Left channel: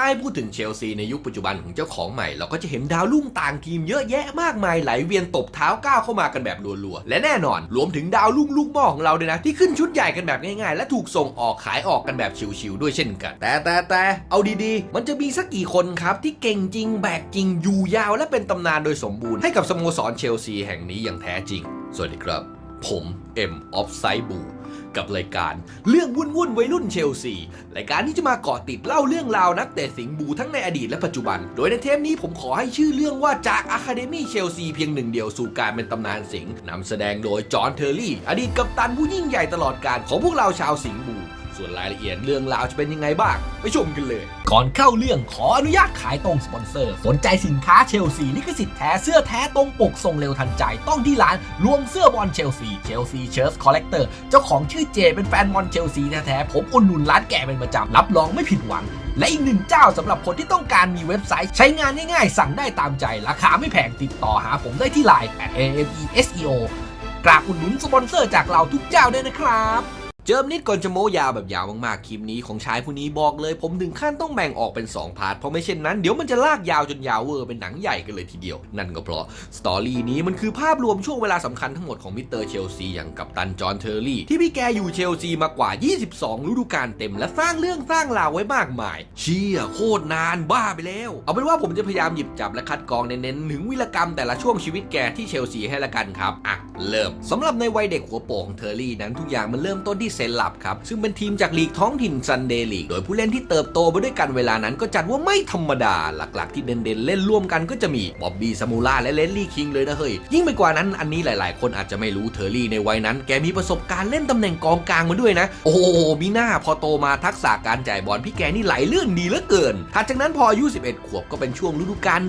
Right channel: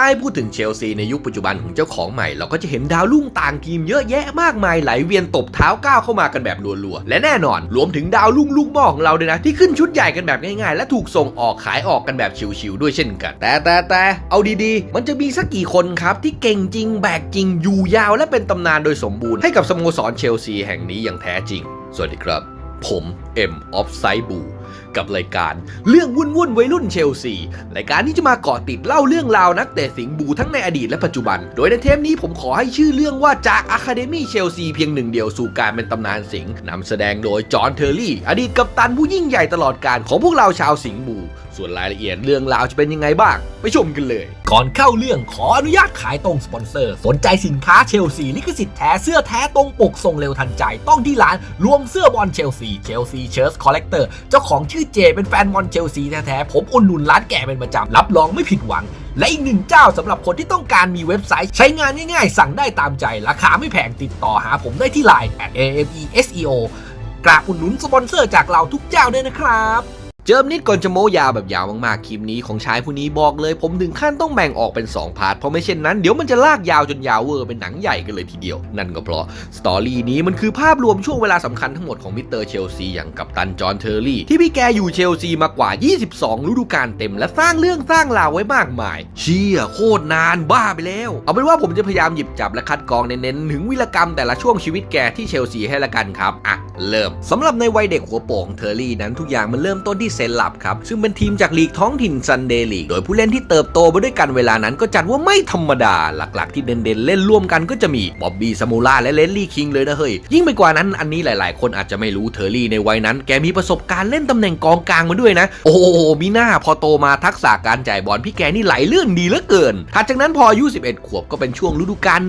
ถ้าให้พูดถึงเชลซีในยุคปัจจุบันของเจ้าของใหม่ เราก็จะเห็นดาวรุ่งต่างทีมเยอะแยะมากมายไหลเวียนตบเท้าก้าวเข้ามากันแบบรัวๆ และแน่นอนรวมถึงดาวรุ่งลูกหม่อของเราด้วยนะที่ขึ้นชุดใหญ่กันแบบง่ายๆ และถูกส่งออกขายออกกันแบบชิวๆด้วยเช่นกัน แต่แต่แต่เอาดีๆ มันจะมีสักกี่คนครับที่เก่งจริงแบกจริงอยู่ยาวและเป็นตำนานโดยสมบูรณ์ให้กับสโมสรเชลซีแห่งนี้อย่างแท้จริง สวัสดีครับ ผมเอ็มออฟไซบู กับรายการเรื่องวุ่นวุ่นวัยรุ่นเชลซีรายการที่จะมาเกาะติดเล่าเรื่องราวนักเตะสิงห์บูทั้งในอดีตและปัจจุบัน โดยในเทปนี้ผมขอให้ชื่อเรื่องว่าจากอะคาเดมี่เชลซีเพียงหนึ่งเดียวสู่การเป็นตำนานสิงห์นำแสดงโดยจอห์นเทอร์รี่ อดีตกัปตันผู้ยิ่งใหญ่ตลอดการของพวกเราชาวสิงห์บูส่วนรายละเอียดเรื่องราวจะเป็นยังไงบ้าง ไปชมกันเลย ก่อนเข้าเรื่องขออนุญาตขายตรงสปอนเซอร์ สนใจสินค้าเชลซีลิขสิทธิ์แท้เสื้อแท้ตรงปกส่งเร็วทันใจต้องที่ร้านรวมเสื้อบอลเชลซีเชลซีเชิร์ตคอลเลกเตอร์เจ้าของของชื่อเจเป็นแฟนบอลเชลซีแท้ๆ ผมอุดหนุนร้านแกเป็นประจำ รับรองไม่ผิดหวัง และอีกหนึ่งเจ้าสำหรับคนที่ต้องการมีเว็บไซต์ใช้งานง่ายๆ สั่งได้ตามใจ ราคาไม่แพงติดต่อหาผมได้ที่ไลน์ @ameseo กราบอุดหนุนสปอนเซอร์จากเราทุกเจ้าด้วยนะครับ เจิมนิดก่อนจะโม้ยาวแบบยาวมากๆคลิปนี้ของชายผู้นี้บอกเลย ผมถึงขั้นต้องแบ่งออกเป็น 2 พาร์ทเพราะไม่เช่นนั้นเดี๋ยวมันจะลากยาวจนยาวเวอร์เป็นหนังใหญ่กันเลยทีเดียว นั่นก็เพราะสตอรี่นี้มันคือภาพรวมช่วงเวลาสำคัญทั้งหมดของมิสเตอร์เชลซีอย่างกัปตันจอห์นเทอร์รี่ที่พี่แกอยู่เชลซีมากว่า 22 ฤดูกาลเต็ม และสร้างเรื่องสร้างราวไว้มากมาย เชี่ยโคตรนานบ้าไปแล้ว เอาเป็นว่าผมจะพยายามหยิบจับและคัดกรองเน้นๆถึงวิรกรรมแต่ละช่วงชีวิตแกที่เชลซีให้ละกันครับอะเริ่มสำหรับในวัยเด็กหัวโปกของเทอร์รี่นั้นทุกอย่างมันเริ่มต้นที่เซนลับครับ ซึ่งเป็นทีมจากลีกท้องถิ่นซันเดย์ลีก โดยผู้เล่นที่เติบโตมาด้วยกันเวลานั้นก็จัดว่าไม่ธรรมดา หลักๆ ที่เด่นๆ เล่นร่วมกันก็จะมีบ๊อบบี้ซามูล่าและเลนลี่คิงเลยนะเฮ้ย ยิ่งไปกว่านั้นอันนี้หลายๆ คนอาจจะไม่รู้เทอร์รี่ในวัยนั้น แกมีประสบการณ์เล่นตำแหน่งกองกลางมาด้วยนะ โอ้โหมีหน้าพอโตมาทักษะการจ่ายบอลพี่แกนี่ไหลเลื่อนดีเหลือเกินถัดจากนั้นพออายุ 11 ขวบก็เป็นช่วงฤดูกาล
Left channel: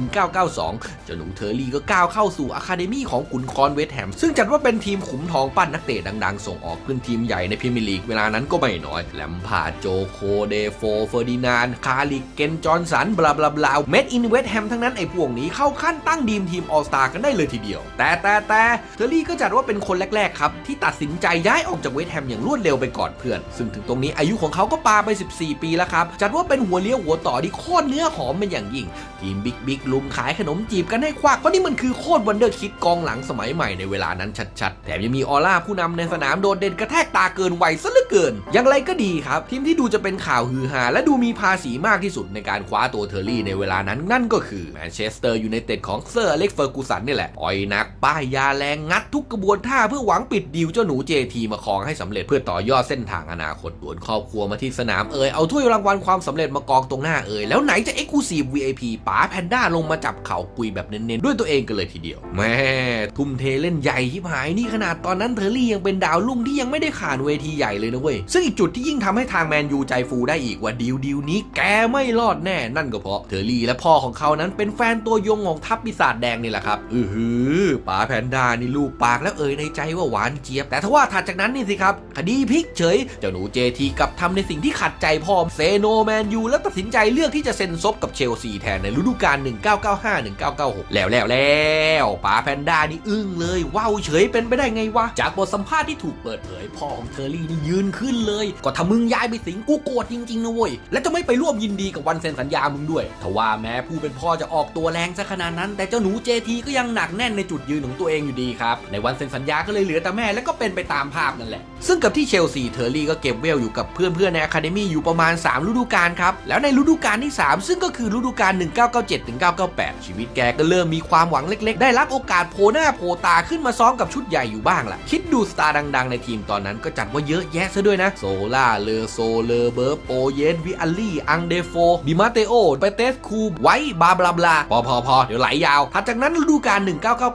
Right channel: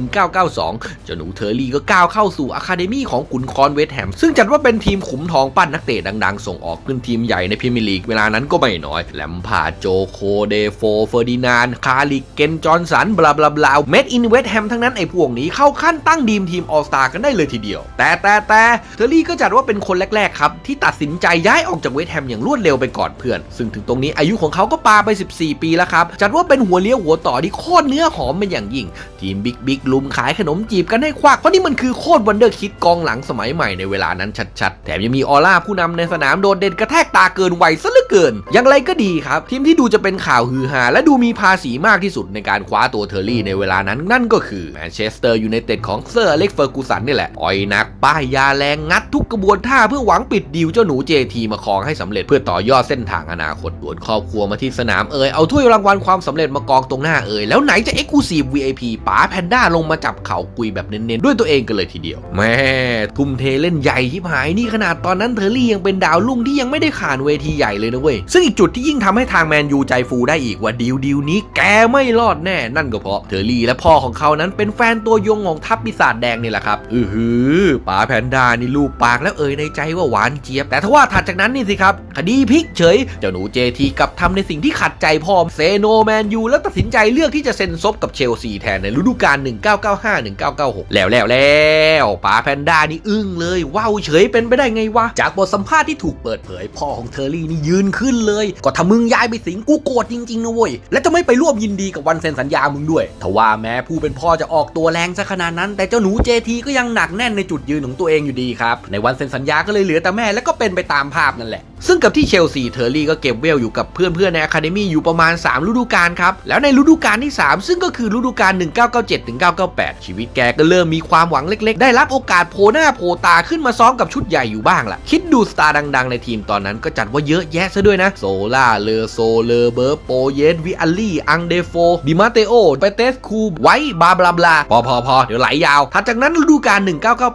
1991-1992 เจ้าหนูเทอร์รี่ก็ก้าวเข้าสู่อะคาเดมี่ของขุนคอนเวสแฮมซึ่งจัดว่าเป็นทีมขุมทองปั้นนักเตะดังๆ ส่งออกขึ้นทีมใหญ่ในพรีเมียร์ลีกเวลานั้นก็ไม่น้อยแลมพาร์โจโคเดโฟเฟอร์ดินานคาริเกนจอนสันบลาบลาบลาเมดอินเวสแฮมทั้งนั้นไอ้พวกนี้เข้าขั้นตั้งดีมทีมออสตากันได้เลยทีเดียว แต่แต่แต่เทอร์รี่ก็จัดว่าเป็นคนแรก ๆ ครับ ที่ตัดสินใจย้ายออกจากเวสแฮมอย่างรวดเร็วไปก่อนเพื่อน ซึ่งถึงตรงนี้อายุของเขาก็ปาไป 14 ปีแล้วครับ จัดว่าเป็นหัวเลี้ยวหัวต่อที่โคตรเนื้อหอมเป็นอย่างยิ่ง ทีมบิ๊กบิ๊กลุมขายขนมจีบกันให้ควักเพราะนี่มันคือโคตรวันเดอร์คิดกองหลังสมัยใหม่ในเวลานั้นชัดๆแถมยังมีออร่าผู้นำในสนามโดดเด่นกระแทกตาเกินวัยซะเหลือเกิน อย่างไรก็ดีครับ ทีมที่ดูจะเป็นข่าวฮือฮาและดูมีภาษีมากที่สุดในการคว้าตัวเทอร์รี่ในเวลานั้นนั่นก็คือแมนเชสเตอร์ยูไนเต็ดของเซอร์อเล็กเฟอร์กูสันนี่แหละอ่อยนักป้ายยาแรงงัดทุกกระบวนท่าเพื่อหวังปิดดีลเจ้าหนูเจทีมาครองให้สำเร็จเพื่อต่อยอดเส้นทางอนาคตดวนครอบครัวมาที่สนามเอ่ยเอาถ้วยรางวัลความสำเร็จมากองตรงหน้าเอ่ยแล้วไหนจะเอ็กซ์คลูซีฟ VIP ป๋าแพนด้าลงมาจับเข่ากุยแบบเน้นๆด้วยตัวเองกันเลยทีเดียวแม่ทุ่มเทเล่นใหญ่ที่หายนี่ขนาดตอนนั้นเทอร์รี่ยังเป็นดาวรุ่งที่ยังไม่ได้ขานเวทีใหญ่เลยนะเว้ย ซึ่งอีกจุดที่ยิ่งทำให้ทางแมนยูใจฟูได้อีกว่าดีลดีลนี้แกไม่รอดแน่ นั่นก็เพราะเทอร์รี่และพ่อของเขานั้นเป็นแฟนตัวยงของทัพปีศาจแดงนี่แหละครับ อือหือป๋าแพนด้านี่ลูกปากแล้วเอ่ยในใจว่าหวานเจี๊ยบ แต่ถ้าว่าถัดจากนั้นนี่สิครับ คดีพลิกเฉย เจ้าหนูเจทีกลับทำในสิ่งที่ขัดใจพ่อเซโนแมนยูแล้วตัดสินใจเลือกที่จะเซ็นซบกับเชลซีแทนในฤดูกาล1995-1996 แล้วแล้วแล้วป๋าแพนด้านี่อึ้งเลยว้าวเฉยเป็นไปได้ไงวะจากบทสัมภาษณ์ที่ถูกเปิดเผยพ่อของเทอร์รี่นี่ยืนขึ้นเลย ก็ถ้ามึงย้ายไปสิงกูโกรธจริงๆนะเว้ย และจะไม่ไปร่วมยินดีกับวันเซ็นสัญญามึงด้วยทว่าแม้ผู้เป็นพ่อจะออกตัวแรงซะขนาดนั้น แต่เจ้าหนูเจทีก็ยังหนักแน่นในจุดยืนของตัวเองอยู่ดีครับ ในวันเซ็นสัญญาก็เลยเหลือแต่แม่และก็เป็นไปตามภาพนั่นแหละ ซึ่งกับที่เชลซีเทอร์รี่ก็เก็บเวลอยู่กับเพื่อนๆในอะคาเดมี่อยู่ประมาณ 3 ฤดูกาลครับ แล้วในฤดูกาลที่ 3 ซึ่งก็คือฤดูกาล 1997-1998 ชีวิตแกก็เริ่มมีความหวังเล็กๆ ได้รับโอกาสโผล่หน้าโผล่ตาขึ้นมาซ้อมกับชุดใหญ่อยู่บ้างล่ะ คิดดูสตาร์ดังๆ ในทีมตอนนั้นก็จัดว่าเยอะแยะซะด้วยนะ โซล่า เลอโซ เลอเบิร์โปเยสวิอัลลี่ อังเดโฟ ดิมาเตโอเปเตสคู ไว้บาบลาบลาพอพอพอเดี๋ยวไหลยาวถัดจากนั้นฤดูกาล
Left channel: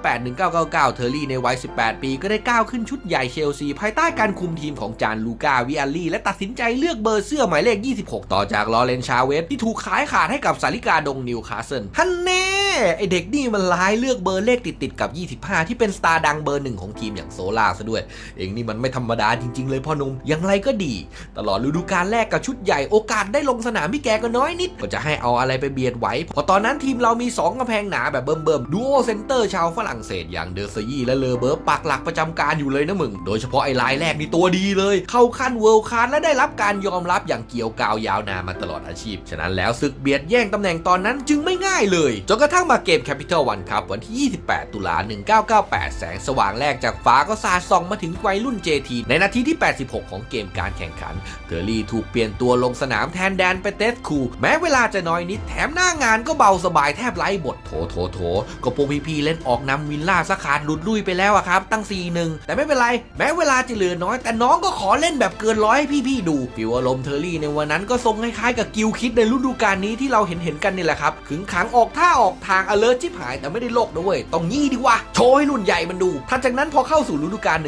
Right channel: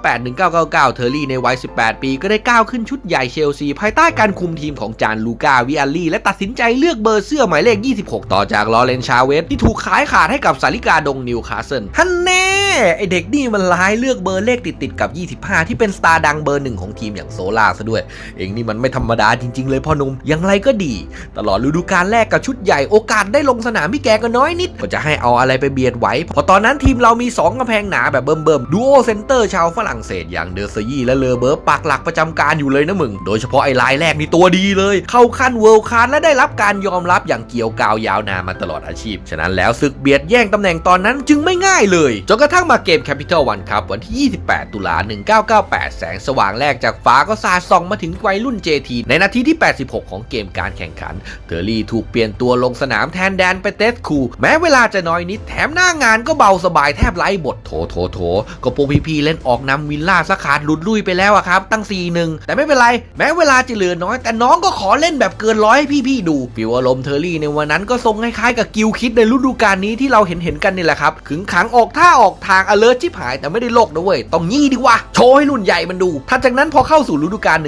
1998-1999 เทอร์รี่ในวัย 18 ปี ก็ได้ก้าวขึ้นชุดใหญ่เชลซีภายใต้การคุมทีมของจานลูกาวิอัลลี่และตัดสินใจเลือกเบอร์เสื้อหมายเลข 26 ต่อจากลอเรนชาเวสที่ถูกขายขาดให้กับสาริกาดงนิวคาสเซิลฮันแน่ไอเด็กนี่มันร้ายเลือกเบอร์เลขติดๆกับ 25 ที่เป็นสตาร์ดังเบอร์หนึ่งของทีมอย่างโซล่าซะด้วย เองนี่มันไม่ธรรมดาจริง ๆ เลยพ่อนุ่มอย่างไรก็ดี ตลอดฤดูกาลแรกกับชุดใหญ่โอกาสได้ลงสนามพี่แกก็น้อยนิด ก็จะให้เอาอะไรไปเบียดไหวเพราะตอนนั้นทีมเรามี 2กำแพงหนาแบบเบิ่มๆดูโอเซนเตอร์ชาวฝรั่งเศสอย่างเดอร์ซยี่และเลอเบิร์ปักหลักประจำการอยู่เลยนะมึงโดยเฉพาะไอ้รายแรกนีตัวดีเลย เข้าขั้นเวิลด์คลาสและได้รับการยอมรับอย่างเกี่ยวกาวยาวนานมาตลอดอาชีพ ฉะนั้นแล้วศึกเบียดแย่งตำแหน่งตอนนั้นจึงไม่ง่ายเลยจนกระทั่งมาเกมแคปิตอลวันครับวันที่ 28 ตุลา 1998 แสงสว่างแรกจากฟ้าก็สาดส่องมาถึงวัยรุ่น JT ในนาทีที่ 86 ของเกมการแข่งขันเทอร์รี่ถูกเปลี่ยนตัวลงสนามแทนแดนไปเตสคูแม้เวลาจะน้อยนิดแถมหน้างานก็เบาสบายแทบไร้บทโถโถโถก็พวกพี่ๆเล่นออกนำวิลล่าสกขาดหลุดลุยไปแล้วอะครับตั้ง4-1แต่ไม่เป็นไรแม้เวลาจะเหลือน้อยแต่น้องก็ขอเล่นแบบเกินร้อยให้พี่ๆดูฟิวอารมณ์เทอร์รี่ในวันนั้นก็ทรงคล้ายๆกับกิลคิดในฤดูกาลนี้ที่เราเห็นเห็นกันนี่แหละครับขึงขังออกท่าออกทางอเลิร์ชิบหายแต่ไม่ได้โลกนะเว้ยต้องงี้ดีว่าโชว์ให้รุ่นใหญ่มันดูถัดจากนั้นพอเข้าสู่ฤดูกาล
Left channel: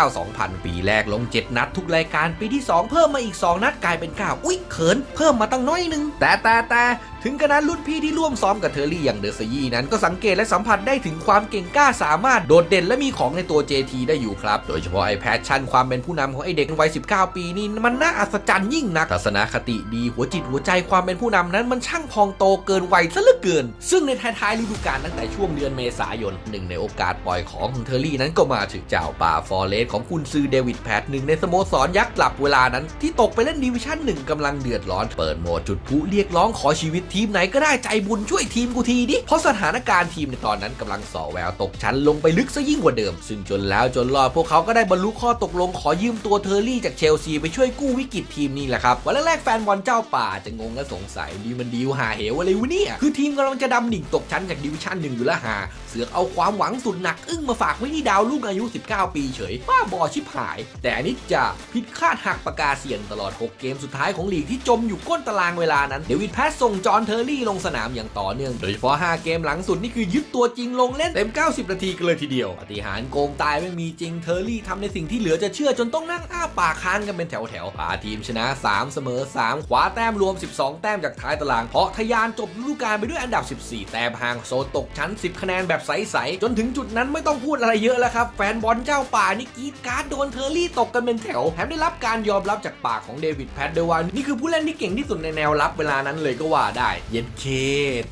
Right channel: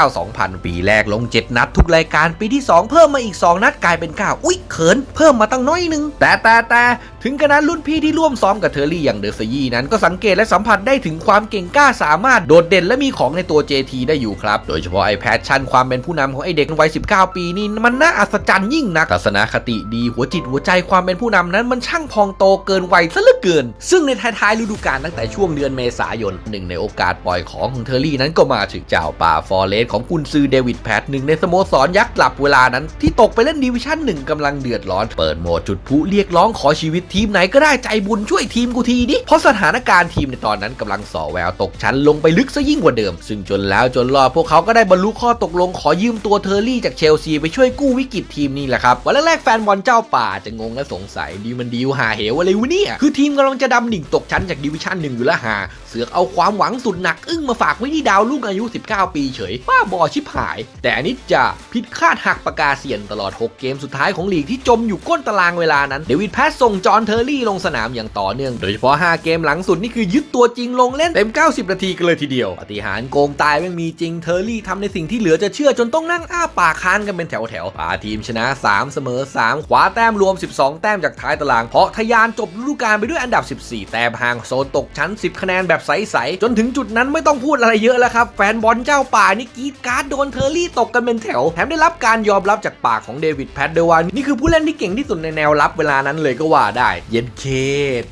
1999-2000 ปีแรกลง 7 นัดทุกรายการปีที่ 2 เพิ่มมาอีก 2 นัดกลายเป็น 9 อุ๊ยเขินเพิ่มมาตั้งน้อยนึง แต่แต่แต่ถึงกระนั้นรุ่นพี่ที่ร่วมซ้อมกับเทอร์รี่อย่างเดอะซยี่นั้นก็สังเกตและสัมผัสได้ถึงความเก่งกล้าสามารถโดดเด่นและมีของในตัว JT ได้อยู่ครับ โดยเฉพาะไอแพชชั่นความความเป็นผู้นำของไอเด็กวัย 19 ปีนี่มันน่าอัศจรรย์ยิ่งนักทัศนคติดีหัวจิตหัวใจความเป็นผู้นำนั้นมันช่างพองโตเกินวัยซะเหลือเกิน ซึ่งในท้ายๆฤดูกาลตั้งแต่ช่วงเดือนเมษายนหนึ่งในโอกาสปล่อยของของเทอร์รี่นั้นก็มาถึงเจ้าป่าฟอร์เรสของกุนซือเดวิดแพทหนึ่งในสโมสรยักษ์กลับเวลานั้นที่ตกไปเล่นดิวิชั่นหนึ่งกำลังเดือดร้อนเปิดโหมดจุดพลุเรียกร้องขอชีวิตทีมไหนก็ได้ใจบุญช่วยทีมกูทีดิเพราะสถานการณ์ทีมในตอนนั้นกำลังส่อแววตกชั้นลงไปลึกซะยิ่งกว่าเดิม ซึ่งจนแล้วจนรอดพวกเขาก็ได้บรรลุข้อตกลงขอยืมตัวเทอร์รี่จากเชลซีไปช่วยกู้วิกฤตทีมนี่แหละครับ วันแรกๆแฟนบอลเจ้าป่าจะงงและสงสัยดีมันดีลหาเหวอะไรวะเนี่ย คือทีมกำลังจะดำดิ่งตกชั้นจากดิวิชั่นหนึ่งอยู่แล้วหา เสือกเอาความหวังสุดหนัก อึ้งมาฝากไว้ที่ดาวลูกอายุ 19 ปีเฉยบ้าบอชิบหาย แต่อันนี้จะผิดคาดหักปากกาเสียนตลอด 6 เกมสุดท้ายของลีกที่จมอยู่ก้นตารางเวลานั้นเดวิดแพสส่งจอห์นเทอร์รี่ลงสนามอย่างต่อเนื่องโดยเฉพาะ 5 เกมหลังสุดนี่คือยึดตัวจริงลงเล่นเต็ม 90 นาทีกันเลยทีเดียวปฏิหารโกงตายไม่มีจริงเทอร์รี่ทำในสิ่งที่เหลือจะเชื่อื่อจนต้องนั่งอ้าปากค้านกันเป็นแถวแถวๆพาทีมชนะ 3 เสมอ 3 ขวาแต้มรวม 12 แต้มจากท้ายตาราง เพราะทะยานจบฤดูกาลไปด้วยอันดับ 14 แต้มห่างโซนตกชั้น 10 คะแนนแบบใสๆจนถึงจุดนั้นไม่ต้องพูดอะไรเยอะแล้วครับ แฟนบอลเจ้าป่านี่กีดการ์ดโดนเทอร์รี่ตกกันเป็นแถวแถมได้รับการยอมรับจากปากของเดวิดแพดเดวานนี่คือผู้เล่นที่เก่งที่สุดในแนวรับเวลานั้นเลยก็ว่าได้ เย็นเค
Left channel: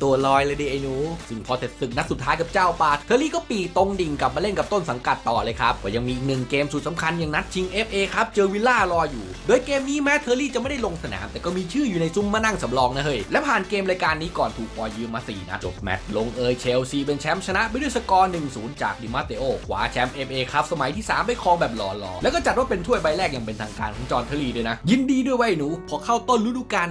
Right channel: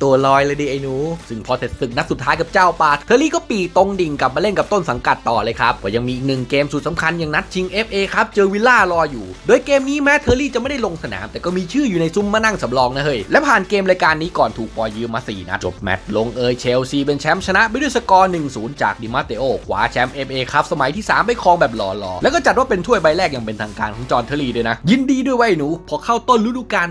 ตัวลอยเลยดิไอ้หนูซึ่งพอเสร็จศึกนัดสุดท้ายกับเจ้าป่าเทอร์รี่ก็ปีตรงดิ่งกลับมาเล่นกับต้นสังกัดต่อเลยครับก็ยังมีอีกหนึ่งเกมสุดสำคัญอย่างนัดชิง FA ครับเจอวิลล่ารออยู่ โดยเกมนี้แม้เทอร์รี่จะไม่ได้ลงสนาม แต่ก็มีชื่ออยู่ในซุ้มมานั่งสำรองนะเฮ้ย และผ่านเกมรายการนี้ก่อนถูกปล่อยยืมมา 4 นัดจบแมตช์ลงเอยเชลซีเป็นแชมป์ชนะไปด้วยสกอร์ 1-0 จากดิมาเตโอคว้าแชมป์ FA ครับสมัยที่ 3 ไปครองแบบหล่อๆ แล้วก็จัดว่าเป็นถ้วยใบแรกอย่างเป็นทางการของจอห์นเทอร์รี่ด้วยนะ ยินดีด้วยไว้หนู พอเข้าต้นฤดูกาล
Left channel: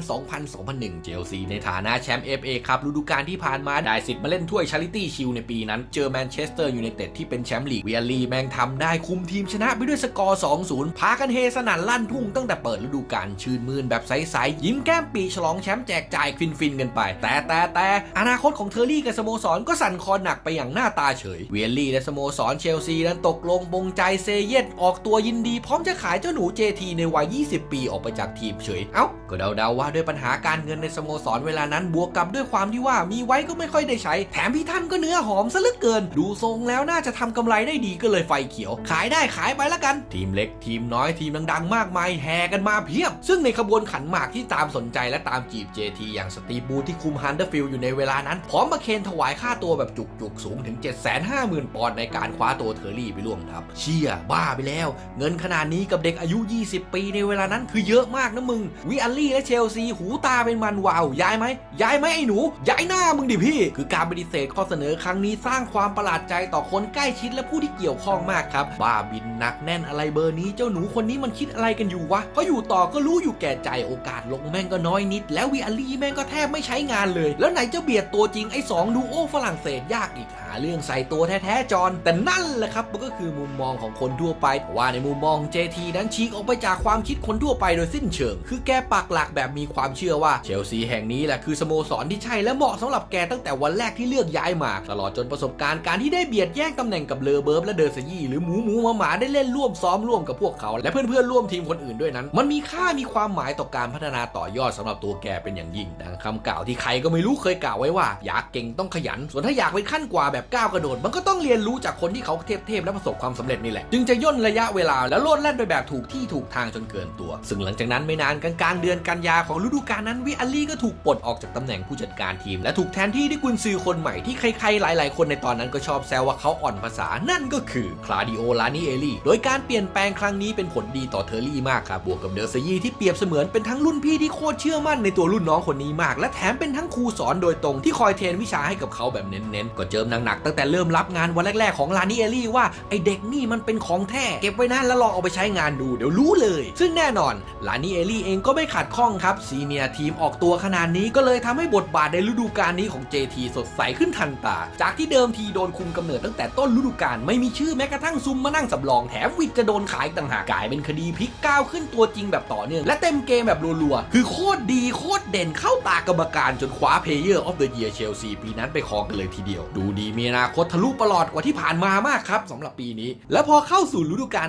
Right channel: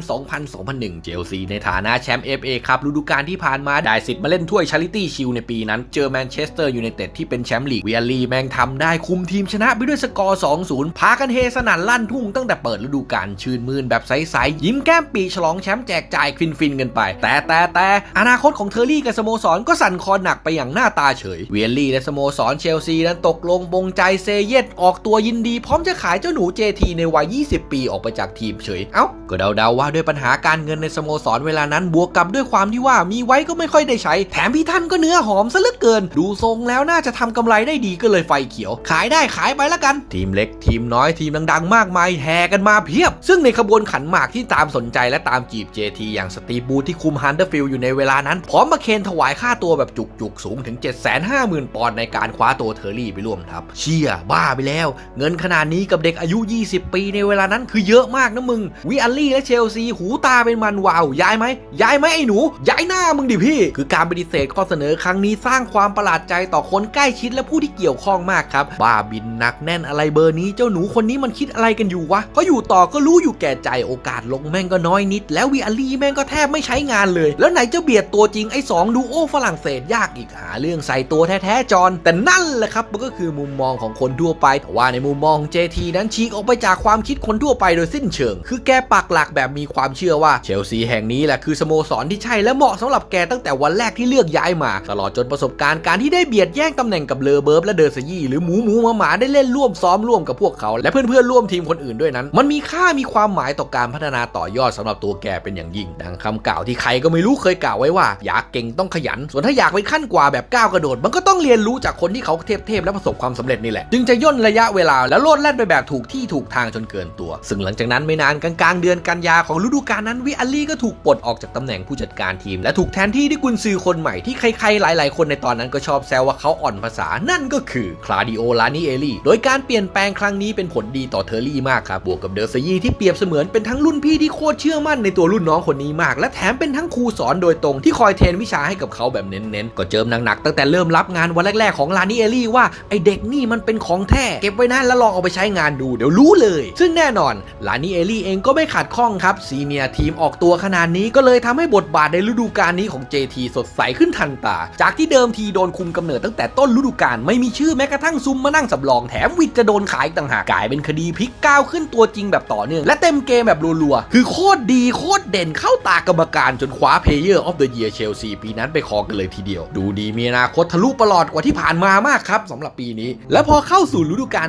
2000-2001 เชลซีในฐานะแชมป์ FA ครับฤดูกาลที่ผ่านมาได้สิทธิ์มาเล่นถ้วยชาริตี้ชิลในปีนั้นเจอแมนเชสเตอร์ยูไนเต็ดที่เป็นแชมป์ลีกเวียรีแม่งทำได้คุมทีมชนะไปด้วยสกอร์2-0 พากันเฮสนั่นลั่นทุ่งตั้งแต่เปิดฤดูกาลชื่นมื่นแบบใสๆยิ้มแก้มปีฉลองแชมป์แจกจ่ายฟินๆกันไป แต่แต่แต่อนาคตของเทอร์รี่กับสโมสรก็สั่นคลอนหนักไปอย่างหน้าตาเฉย เวียรี่และสโมสรเชลซีนั้นตกลงบงใจเซเยตออกตัวยินดี พร้อมจะขายเจ้าหนู JT ในวัย 20 ปีออกไปจากทีมเฉย เอ้า ก็เดาๆว่าด้วยปัญหาการเงินในสโมสรเวลานั้นบวกกับด้วยความที่ว่ามีไว้ก็ไม่ค่อยได้ใช้ แถมพี่ท่านก็เนื้อหอมซะเหลือเกิน ดูทรงแล้วน่าจะทำกำไรได้ดีก็เลยไฟเขียว ขายได้ขายไปละกันทีีมเล็กทีมน้อยทีมดังๆ มากมายแห่กันมาเพียบ ซึ่งในขบวนขันหมากที่ตามสนใจและตามจีบ JT อย่างสตีบูที่คุมฮันเดอร์ฟิลอยู่ในเวลานั้น พร้อมมาเคนถวายค่าตัวแบบจุกๆ สูงถึง 750,000 ปอนด์ในการคว้าตัวเทอร์รี่ไปร่วมทัพเชี่ยบ้าไปแล้ว เงินขนาดนี้กับเด็กอายุ 20 ปีในเวลานั้นคือเยอะมากนะมึง วิอัลลี่และเชลซีหูตาเป็นมันวาวย้ายไหมย้ายไหมไอ้หนู ย้ายหน้ามึงดิพี่ คือการปฏิเสธข้อเสนอครั้งนี้สร้างความประหลาดใจต่อคนใกล้ชิดและผู้ที่เกี่ยวข้องมากครับบ้าบินหนักแน่นอะไรเบอร์นี้เจ้าหนูคนนี้มันคิดอะไรกันอยู่วะเพราะอยู่ต่อก็รู้อยู่แก่ใจโอกาสลงแม่งก็น้อยนิด แล้ววิอัลลี่แม่งก็แทบไม่ใช้งานเลย แล้วไหนจะเบียดตัวจริงไอ้สองดูโอฝรั่งเศสยากอีกหาเรื่องใส่ตัวแท้ๆจอนแต่นั่นแหละครับมันก็คือมุมมองของคนทั่วไปว่าในมุมมอง JT นั้นฉีกออกไปจากความคิดคนทั่วไปโดยสิ้นเชิง คือแกปักหลักแบบมีความเชื่อว่าเชลซีแห่งนี้แหละคือสโมสรที่ใช่และเหมาะสำหรับแกตั้งแต่วันแรกที่เลือกย้ายมา ตลอดจนประสบการณ์การที่ได้เบียดแย่งตำแหน่งกับเลอเบิร์บและเดอร์ซยี่หรือหมูหมูหมาหมาได้เล่นร่วมซ้อมร่วมกับพวกเขา และเพื่อนๆร่วมทีมคนอื่นด้วยนั้น มันมีค่ามีความหมายต่อการพัฒนาต่อยอดสำหรับตัวแกเป็นอย่างยิ่ง ดังคำกล่าวที่ใครก็ไม่รู้เคยกล่าวไว้ว่า อยากเก่งต้องขยัน ส่วนถ้าอยากไปขั้นกว่าแบบก้าวกระโดด มันก็ต้องเรียนรู้จากคนที่เขาเทพๆและประสบความสำเร็จนี่แหละ จึงจะย่นระยะเวลาแล้วโลดแล่นไปแบบถูกที่ถูกทางจนเกินตัว ซึ่งหลังจากนั้นไม่นานกลางๆเดือนกันยาของฤดูกาลนั้นวิอัลลี่ก็ถูกปลดออกจากตำแหน่งผู้จัดการทีม และถูกแทนที่ด้วยกุนซือคนใหม่ที่ใครๆหลาย ๆ คนในตอนนั้นก็ชอบแซวว่าเขาอ่อนภาษานั่นก็คือคลาดิโอลานิเอลี่โดยการเปลี่ยนแปลงครั้งนี้เป็นผลดีต่อเทอร์รี่มากครับบวกกับเดอร์ซยีที่เปรียบเสมือนเป็นทั้งรุ่นพี่ที่โคตรเชื่อมั่นในตัวรุ่นน้องคนนี้มาก และแถมเป็นทั้งครูสอนโดยตรงที่คอยเทรนวิชาให้กับเขาแบบเน้นๆก็เจิมหนักๆตั้งแต่เริ่มรับงานวันแรกๆของลานิเอลี่ว่าไอเด็กนี่มันเป็นของแท้เก็บไว้นะแล้วลองเอาไปใช้งานดูเดี๋ยวรู้เลย ซึ่งแน่นอนลานิเอลี่เองก็ไม่ขัดข้องครับซีเนียทีมออกตัวขนาดนี้ก็เลยทำให้บทบาทในฤดูกาลนี้ของ JT สดใสขึ้นทันตา จากที่เดิมทีโดนคุมกำเนิดตั้งแต่ต้นฤดูกาลไม่มีชื่อแม้กระทั่งซุมมานั่งสำรองแถมวิทจะโดนขายต่างหากกลายเป็นคดีพลิกก้าวขึ้นตัวจริงแบบต่อเนื่อง และเต็มเกมแบบรัวๆ คือโคตรดีโคตรเด่นเข้าตากรรมการจนคว้า Player of the Year เชลซีปีนั้นไปครองกันเลยทีเดียว ดูดีมีอนาคตทะลุประหลอดกว่าที่ผ่านมามากครับสำหรับปีนี้ และพอเข้าสู่ฤดูกาล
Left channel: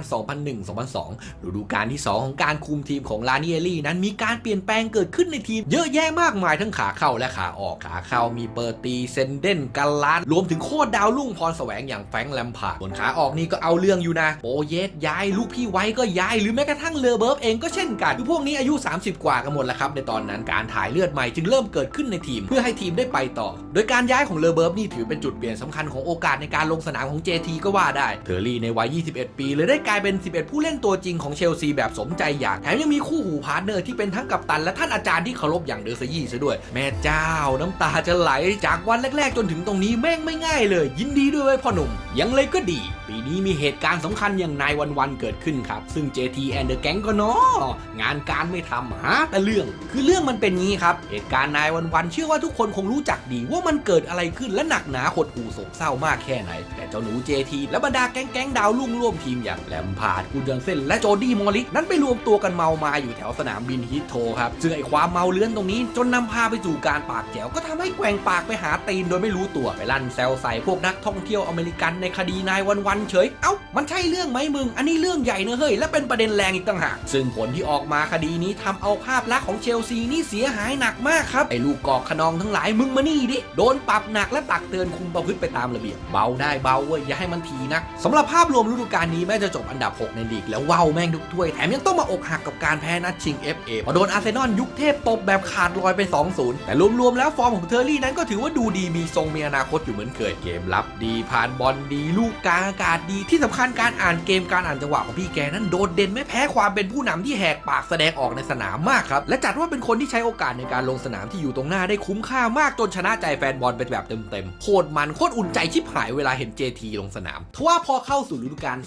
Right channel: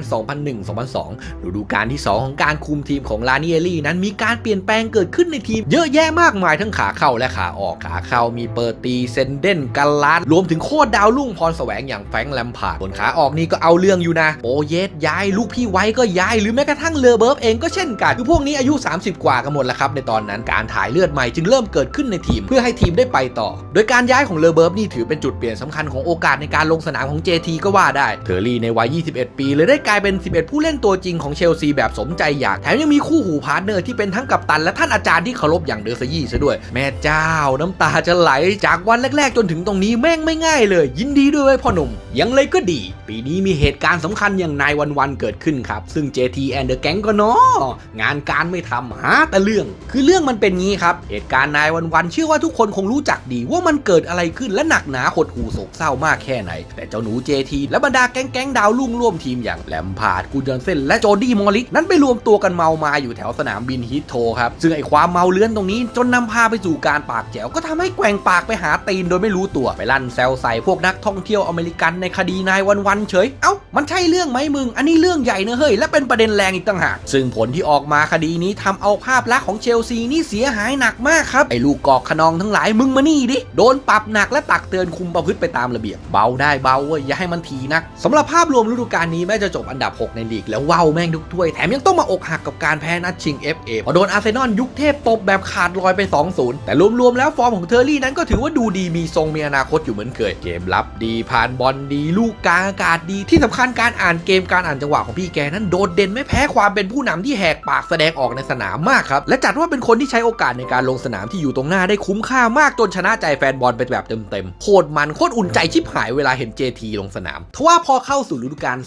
2001-2002 ฤดูกาลที่ 2 ของการคุมทีมของลาเนียลี่นั้นมีการเปลี่ยนแปลงเกิดขึ้นในทีม เยอะแยะมากมายทั้งขาเข้าและขาออกขาเข้ามีเปอร์ตีเซนเดนกัลลาดรวมถึงโคตรดาวรุ่งพรแสวงอย่างแฟงแลมพาร์ดบนขาออกนี่ก็เอาเรื่องอยู่นะโปเยสย้ายลูกพี่ไว้ก็ย้ายหรือแม้กระทั่งเลอเบิร์ฟเองก็เช่นกันคือพวกนี้อายุ 30 กว่ากันหมดแล้วครับในตอนนั้นการถ่ายเลือดใหม่จึงเริ่มเกิดขึ้นในทีม เพื่อให้ทีมได้ไปต่อ โดยการย้ายของเลอเบิร์ฟนี่ถือเป็นจุดเปลี่ยนสำคัญของโอกาสในการลงสนามของ JT ก็ว่าได้เทอร์รี่ในวัย 21 ปีเลยได้กลายเป็น 11 ผู้เล่นตัวจริงของเชลซีแบบสมใจอยากแถมยังมีคู่หูพาร์ทเนอร์ที่เป็นทั้งกัปตันและท่านอาจารย์ที่เคารพอย่างเดอร์ซยี่ซะด้วย แม่เจ้าน้ำตาจะไหลจากวันแรก ๆ จนถึงตรงนี้แม่งไม่ง่ายเลย ยินดีด้วยพ่อหนุ่มยังเลยก็ดี ปีนี้มีเหตุการณ์สำคัญอย่างนายวันวันเกิดขึ้นครับ ซึ่ง JT and the Gang ก็เนาะงานการไม่ทำหาแต่เรื่อง คือเรื่องมันเป็นงี้ครับ เหตุการณ์นายวันวันๆเชื่อว่าทุกคนคงรู้จักดีว่ามันเกิดอะไรขึ้นและหนักหนาหดหู่โศกเศร้ามากแค่ไหน แต่เจ้าหนู JT และบรรดาแก๊งแก๊งดาวรุ่งร่วมทีมอย่างแลมพาร์ดกูเดนเซนและโจดี้มอริสนั้นไปรวมตัวกันเมามาอยู่แถวสนามบินฮิตโทครับซึ่งไอความเมาเลื้อนตรงนี้จนนำพาไปสู่การปากแจ๋วก็ทำให้แกว่งปากไปหาตีนโดยไม่รู้ตัวไปลั่นแซวใส่พวกนักท่องเที่ยวอเมริกันในคดีนายวันวันๆเฉยเอ้ามันใช่เรื่องไหมมึงอันนี้เรื่องใหญ่เนอะเฮ้ยและเป็นประเด็นแรงอีกต่างหากซึ่งผลที่ออกมาคดีนี้ทำเอาภาพลักษณ์ของเชลซีนี่เสียหายหนักมากครับไอ้ลูกกอกขนองทั้งหลายมึงมานี่ดิโดนปรับหนักและตักเตือนคุมประพฤติไปตามระเบียบเบาได้เบาเว้ยอย่าให้มันทีนักสำหรับภาพรวมฤดูกาลนี้แม้จะจบอันดับ 6 ในลีกแล้วว้าวแม่งทุกถ้วยแถมยังต้องมาอกหักกับการแพ้นัดชิง FA พอโดนอาร์เซนอลยุคเทพตบแบบขาดลอยไป 2-0 แต่รวมๆแล้วฟอร์มของเทอร์รี่นั้นก็ถือว่าดูดีมีทรงมีอนาคตอยู่เหมือนเคยเกมรับดีผ่านบอลดี ลูกกลางอากาศดีที่สำคัญการอ่านเกมการอ่านจังหวะของพี่แกนั้นโดดเด่นไม่แพ้ความเป็นผู้นำที่แหกปากแสดงออกในสนามมากครับและจัดว่าเป็นคนที่ใช้โอกาสในการลงสนามที่อยู่ตรงหน้าได้คุ้มค่ามากจนชนะใจแฟนบอลไปแบบเต็มๆโคตรมันโคตรอุ่นใจชิบหายเวลาเห็น JT ลงสนามทว่าพอเข้าสู่ฤดูกาล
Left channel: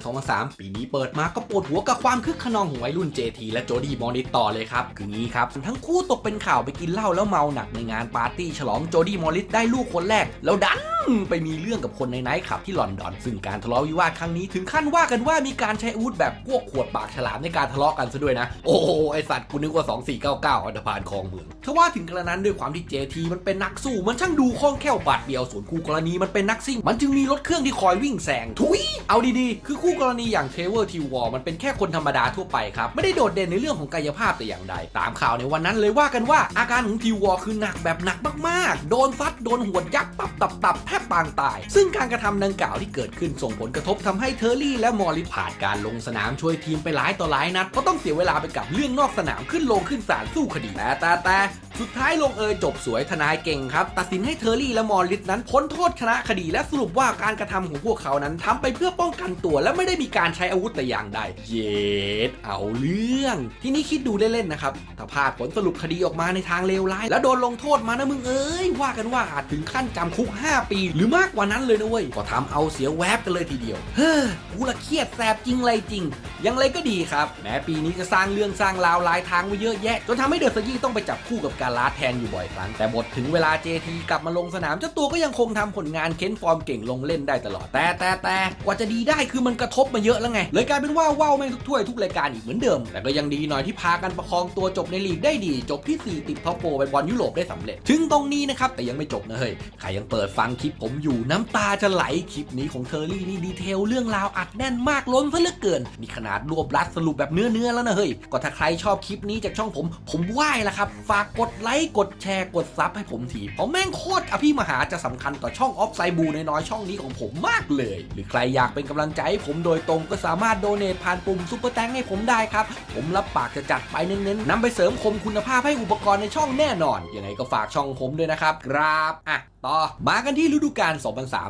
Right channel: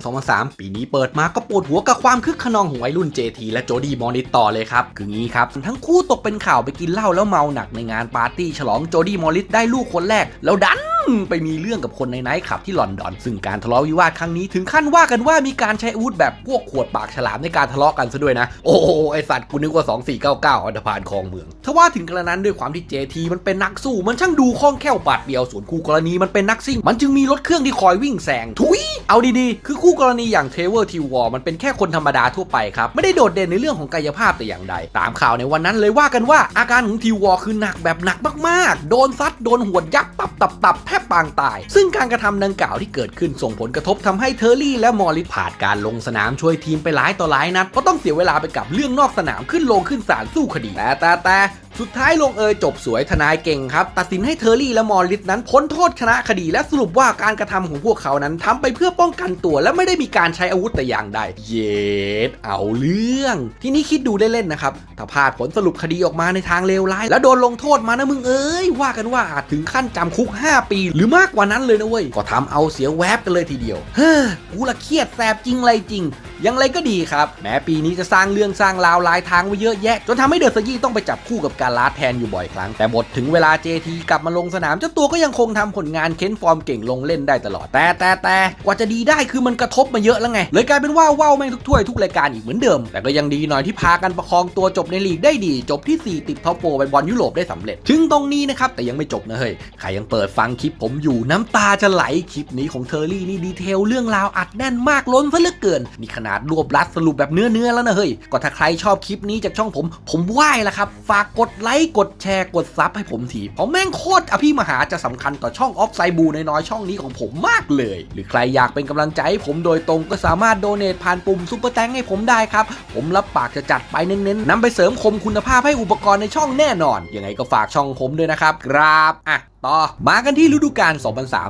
2002-2003 ปีนี้เปิดมาก็ปวดหัวกับความคึกขนองของวัยรุ่น JT และโจดี้มอริสต่อเลยครับคืองี้ครับทั้งคู่ตกเป็นข่าวไปกินเหล้าแล้วเมาหนักในงานปาร์ตี้ฉลองโจดี้มอริสได้ลูกคนแรกแล้วดันไปมีเรื่องกับคนในไนท์คลับที่ลอนดอน ซึ่งการทะเลาะวิวาทครั้งนี้ถึงขั้นว่ากันว่ามีการใช้อาวุธแบบพวกขวดปากฉลามในการทะเลาะกันซะด้วยนะ โอ้โหไอสัตว์กูนึกว่า 2499อันธพาลคลองเมืองทว่าถึงกระนั้นด้วยความที่ JT มันเป็นนักสู้มันช่างดูคล่องแคล่วปาดเดียวส่วนคู่กรณีมันเป็นนักซิ่ง มันจึงมีรถเครื่องที่คอยวิ่งแซงทุยเอาดีๆ คือคู่กรณีอย่างเทเวอร์ทีวอมันเป็นแค่คนธรรมดาทั่วไปครับไม่ได้โดดเด่นในเรื่องของกายภาพแต่อย่างใด ตามข่าวในวันนั้นเลยว่ากันว่าอาการของทีวอคือหนักแบบหนักมากๆ โดนซัดโดนหวดยักษ์ตับตับตับแทบปางตาย ซึ่งการกระทำดังกล่าวที่เกิดขึ้นส่งผลกระทบทำให้เทอร์รี่และมอริผ่านการลงสนามช่วยทีมไปหลายต่อหลายนัดก็ต้องเสียเวลาไปกับเรื่องนอกสนามขึ้นลงขึ้นศาลสู้คดีแต่แต่แต่สุดท้ายลงเอยจบสวยทนายเก่งครับ ตัดสินให้เทอร์รี่และมอริสนั้นพ้นโทษชนะคดี และสรุปว่าการกระทำของพวกเขานั้นทำไปเพื่อป้องกันตัว และไม่ได้มีการใช้อาวุธแต่อย่างใด เย็ดเอาเรื่อง ทีนี้คิดดูเล่นๆนะครับ ถ้าพลาดผลสรุปคดีออกมาในทางเลวร้าย แล้วโดนลงโทษมานะมึงเอ้ย ว่ากันว่าอาจถึงขั้นจำคุก 5 ปี หรือมากกว่านั้นเลยนะเว้ยก็ทำเอาเสียแวบกันเลยทีเดียว เฮ้อกูละเครียดแสบจริงอะไรจริง ยังไรก็ดีครับ แม้ปีนี้จะสร้างเรื่องสร้างราวหลายทางไว้เยอะแยะ จนทำให้เดอะซยี่ต้องไปจับคู่กับการลาดแทนอยู่บ่อยครั้ง แต่บทถึงเวลา JT กลับมาลงสนามเจ้าตัวก็ยังคงทำผลงานเค้นฟอร์มเก่งลงเล่นได้ตลอด แต่แต่แต่กว่าจะดีได้คือมันกระทบมาเยอะแล้วไง เลยกลายเป็นว่าว่าวแม่งทุกถ้วยทุกรายการอีกเหมือนเดิม แต่ก็ยังดีหน่อยที่พากันประคองตัวจบในลีกได้ดี จบที่ 4 ติดท็อปโฟร์ไปบอลยุโรปได้สำเร็จ ถึงตรงนี้นะครับแต่ยังไม่จบนะเฮ้ย ใครยังเปิดฟังคลิปผมอยู่น้ำตาจะไหลคลิปนี้ของเทอร์รี่นี่ดีเทลเรื่องราวอัดแน่นมากล้นซะเหลือเกิน มีขนาดรวบรัดสรุปแบบเนื้อเนื้อๆแล้วนะเฮ้ย ก็ถ้าใครชอบคลิปนี้จากช่องผม ผมไหว้ละครับ ฝากกดไลค์ กดแชร์ กดซับให้ผมที เพราะแม่งโคตรอภิมหาจะสำคัญต่อช่องออฟไซบูน้อยๆช่องนี้ของผมมากเลย หรือใครอยากเป็นกำลังใจให้ผมโดยตรงก็สามารถโดเนทผ่านปุ่มซุปเปอร์แตงให้ผมได้ครับ ผมรับปากจะจัดไปเน้นๆนำไปเสริมคมคุณภาพให้อุปกรณ์ในช่องแน่นอน ยังไงก็ฝากช่องผมด้วยนะครับ ครับ อะต่อมากันที่ฤดูกาล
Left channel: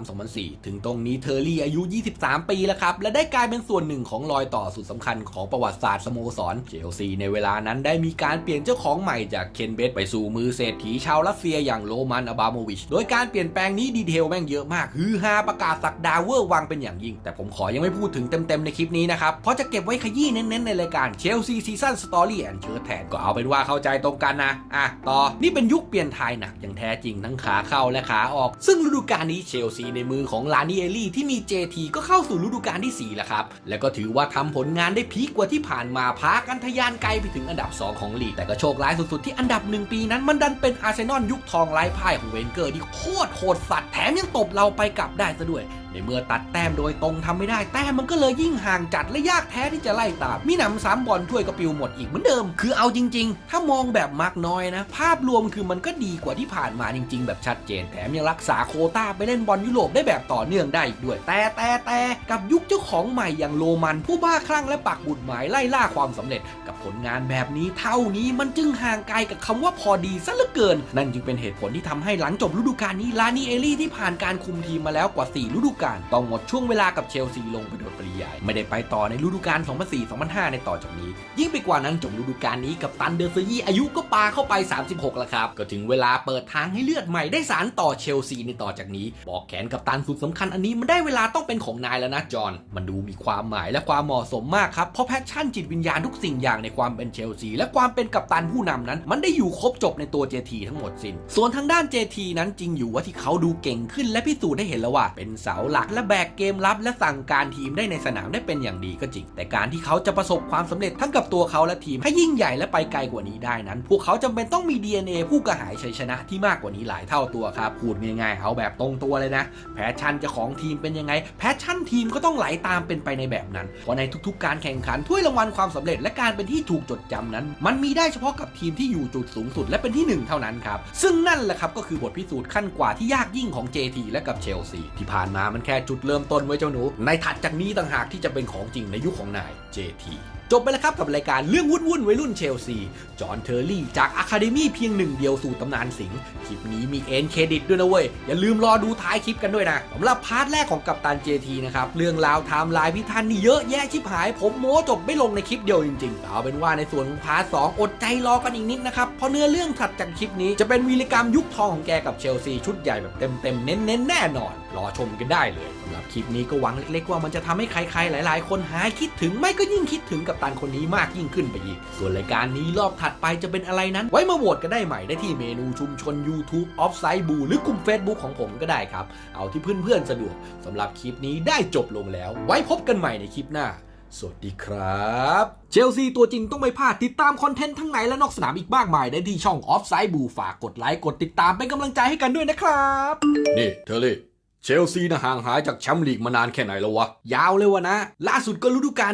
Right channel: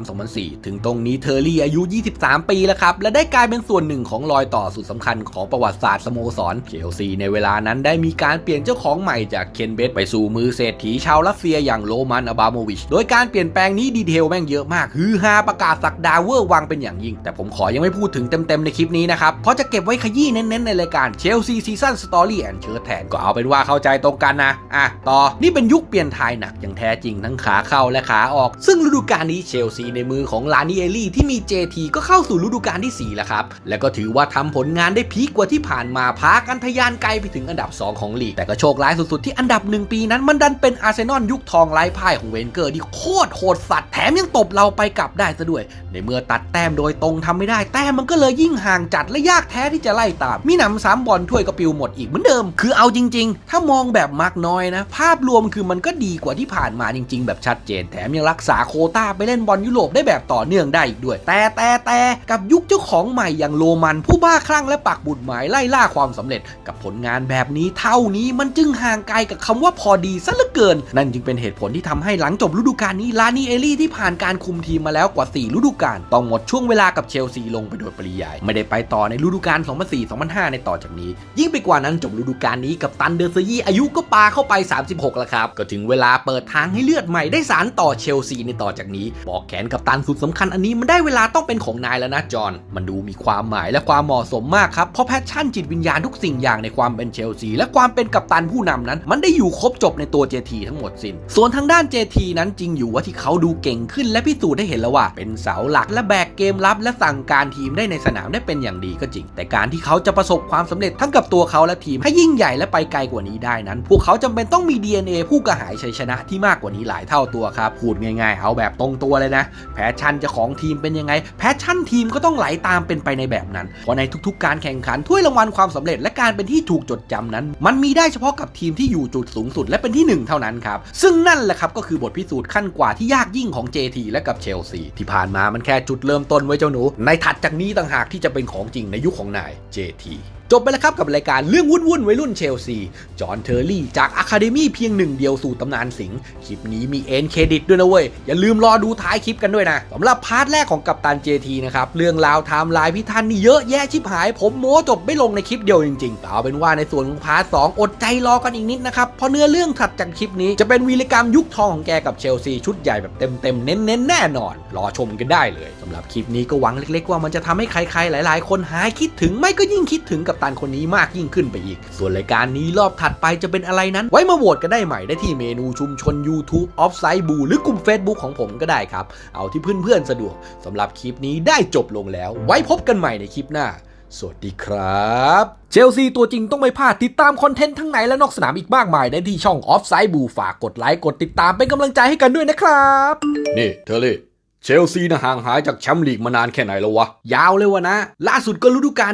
2003-2004 ถึงตรงนี้เทอร์รี่อายุ 23 ปีแล้วครับ และได้กลายเป็นส่วนหนึ่งของรอยต่อสุดสำคัญของประวัติศาสตร์สโมสรเชลซีในเวลานั้นได้มีการเปลี่ยนเจ้าของใหม่จากเคนเบสไปสู่มือเศรษฐีชาวรัสเซียอย่างโรมันอบาโมวิช โดยการเปลี่ยนแปลงนี้ดีเทลแม่งเยอะมาก ฮือฮาประกาศสักดาเวอร์วังเป็นอย่างยิ่ง แต่ผมขอยังไม่พูดถึงเต็มๆในคลิปนี้นะครับ เพราะจะเก็บไว้ขยี้เน้นๆในรายการเชลซีซีซั่นสตอรี่แอนเชิร์แทนก็เอาเป็นว่าเข้าใจตรงกันนะอะต่อนี่เป็นยุคเปลี่ยนทายหนักอย่างแท้จริงทั้งขาเข้าและขาออก ซึ่งฤดูกาลนี้เชลซีในมือของลานิเอลี่ที่มี JT ก็เข้าสู่ฤดูกาลที่ 4 แล้วครับ และก็ถือว่าทำผลงานได้พีกกว่าที่ผ่านมาพากันทะยานไกลไปถึงอันดับ 2 ของลีก แต่ก็โชคร้ายสุดๆ ที่อันดับหนึ่งปีนั้นมันดันเป็นอาร์เซนอลยุคทองไร้พ่ายของเวนเกอร์ที่โคตรโหดสัตว์แถมยังตบเราไปกลับได้ซะด้วยในเมื่อตัดแต้มโดยตรงทำไม่ได้ แต้มมันก็เลยยิ่งห่างจัดและยากแท้ที่จะไล่ตาม มีหนำสามบอลถ้วยกระปิวหมดอีกเหมือนเดิม คือเอาจริง ๆ ถ้ามองแบบมักน้อยนะ ภาพรวมคือมันก็ดีกว่าที่ผ่านมาจริง ๆ แบบชัดเจน แถมยังรักษาโคต้าไปเล่นบอลยุโรปได้แบบต่อเนื่องได้อีกด้วย แต่แต่แต่กับยุคเจ้าของใหม่อย่างโรมัน ผู้บ้าคลั่งและปักบุดหมายไล่ล่าความสำเร็จ กับผลงานแบบนี้เท่านี้มันจึงห่างไกลกับคำว่าพอดีซะเหลือเกิน นั่นจึงเป็นเหตุผลที่ทำให้หลังจบฤดูกาลนี้ลานีเอลี่ที่ผ่านการคุมทีมมาแล้วกว่า4ฤดูกาลต้องหมดช่วงเวลากับเชลซีลงไปโดยปริยาย ไม่ได้ไปต่อในฤดูกาล 2004-2005 ในต่อจากนี้ ยิ่งไปกว่านั้นจบฤดูกาลนี้กับตันเดอร์ซยี่อายุก็ปาเข้าไป 36 แล้วครับ ก็ถึงเวลาเปิดทางให้เลือดใหม่ได้สารต่อเชลซีในต่อจากนี้ บอกแขนกับตันสุดสำคัญอันนี้มันได้เวลาต้องเป็นของนายแล้วนะจอห์นมันดูมีความหมายและความเหมาะสมมากครับเพราะแพชชั่นจิตวิญญาณทุกสิ่งอย่างในความเป็นเชลซีและความเป็นกัปตันผู้นำนั้น มันได้อยู่ครบจบในตัว JT ทั้งหมดสิน้นส่วนทางด้าน JT นั้นจริงอยู่ว่าที่เขาดูเก่งขึ้นและพิสูจน์ได้เห็นแล้วว่าเป็นเสาหลัก และแบกเกมรับและสั่งการทีมได้ในสนามได้เป็นอย่างดีก็จริง แต่การที่เขาจะประสบความสำเร็จทั้งกับตัวเขาและทีมให้ยิ่งใหญ่และไปไกลกว่านี้ได้นั้น พวกเขาจำเป็นต้องมี DNA ผู้กระหายชัยชนะที่มากกว่านี้หลายเท่าตัวครับพูดง่ายๆ เอาแบบตรงตัวเลยนะ แพชชั่นเจะของทีมเป็นยังไง แพชชั่นทีมก็ต้องไหลตามเป็นไปในแบบนั้น เพราะในทุกๆ การแข่งขันถ้วยรางวัลความสำเร็จและการเป็นที่ถูกจดจำนั้น มันมีได้เฉพาะกับทีมที่อยู่จุดสูงสุดและเป็นที่หนึ่งเท่านั้นครับซึ่งนั่นแหละครับก็คือบทพิสูจน์ขั้นกว่าที่ยากยิ่งของ JT และกับเชลซีที่ผ่านมามันแค่จุดเริ่มต้นไว้เจ้าหนู ในถัดจากนี้ต่างหากที่จะเป็นของจริงในยุคของนาย JT จบไปแล้วครับกับรายการเรื่องวุ่นวุ่นวัยรุ่นเชลซี จอห์นเทอร์รี่จากอะคาเดมี่เพียงหนึ่งเดียวสู่ตำนานสิงห์คลิปนี้มีเอ็นเครดิตด้วยนะเว้ย อย่าลืมรอดูท้ายคลิปกันด้วยนะสำหรับพาร์ทแรกของกัปตัน JT นะครับ เรื่องราวไทม์ไลน์พี่ทันนี่เยอะแยะชิบหาย ผมโม้จบไม่ลงในคลิปเดียวจริงๆแต่เอาเป็นว่าในส่วนของพาร์ทสองอดใจรอกันอีกนิดนะครับ เพราะเนื้อเรื่องถัดจากคลิปนี้จะเป็นวีรกรรมยุคทองของแกกับเชลซีชุดใหญ่แบบเต็มๆเน้นๆแน่นอน รอชมกันได้เลยสำหรับคลิปนี้ก็หวังเล็ก ๆ ว่ามันจะทำให้ใครๆหลาย ๆ คนหายคิดถึงไม่ก็ยิ่งคิดถึงกับตันคนนี้มากยิ่งขึ้นไปอีก ส่วนรายการนี้รอบถัดไปจะเป็นอะไรนั้น ไว้มาโหวตกันได้ใหม่ได้ที่เมนูชุมชน YouTube Offside b o หรือกลุ่ม Facebook ของผมก็ได้ครับ เอาที่เพื่อนๆสะดวกสำหรับคลิปนี้ได้จบลงแล้ว ไว้พบกันใหม่ในคลิปหน้าสวัสดีครับ เชลซีตัวจริงต้องไม่พลาดติดตามคอนเทนต์ทั้งในและนอกสนามอีกมากมายได้ที่ช่อง Offside b o ฝากกดไลค์กดติดตามเป็นกำลังใจให้กันด้วยนะครับ นี่เธอเลย เชลซีนะห่างหายจากแชมป์ลีกมานานแค่ไหนแล้ววะ ยาวเลยวะนะ ล่าสุดก็ฤดูกาล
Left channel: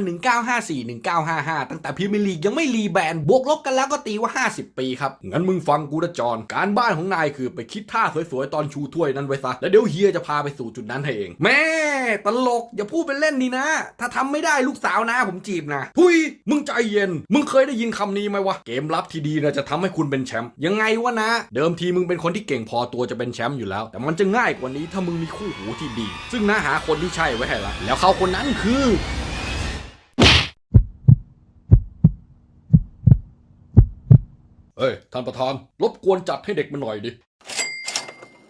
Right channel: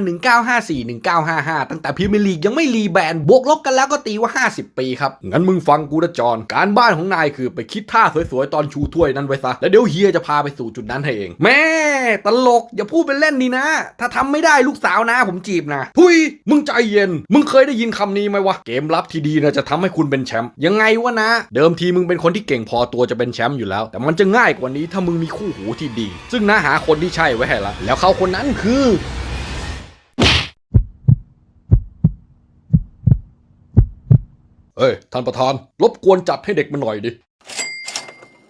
1954-1955 ตั้งแต่พรีเมียร์ลีกยังไม่รีแบรนด์บวกลบกันแล้วก็ตีว่า 50 ปีครับ งั้นมึงฟังกูนะจอน การบ้านของนายคือไปคิดท่าสวยๆ ตอนชูถ้วยนั้นไว้ซะ แล้วเดี๋ยวเฮียจะพาไปสู่จุดนั้นให้เอง แม่ตลก อย่าพูดเป็นเล่นดีนะ ถ้าทำไม่ได้ลูกสาวนะผมจีบนะ หุย มึงใจเย็น มึงเคยได้ยินคำนี้ไหมวะ เกมรับที่ดีนะจะทำให้คุณเป็นแชมป์ ยังไงวะนะ เดิมทีมึงเป็นคนที่เก่งพอตัวจะเป็นแชมป์อยู่แล้ว แต่มันจะง่ายกว่านี้ถ้ามึงมีคู่หูที่ดี ซึ่งน้าหาคนที่ใช่ไว้ให้ละแล้วเขาคนนั้นคือเอ้ยท่านประธาน รบกวนจัดให้เด็กมันหน่อยดิ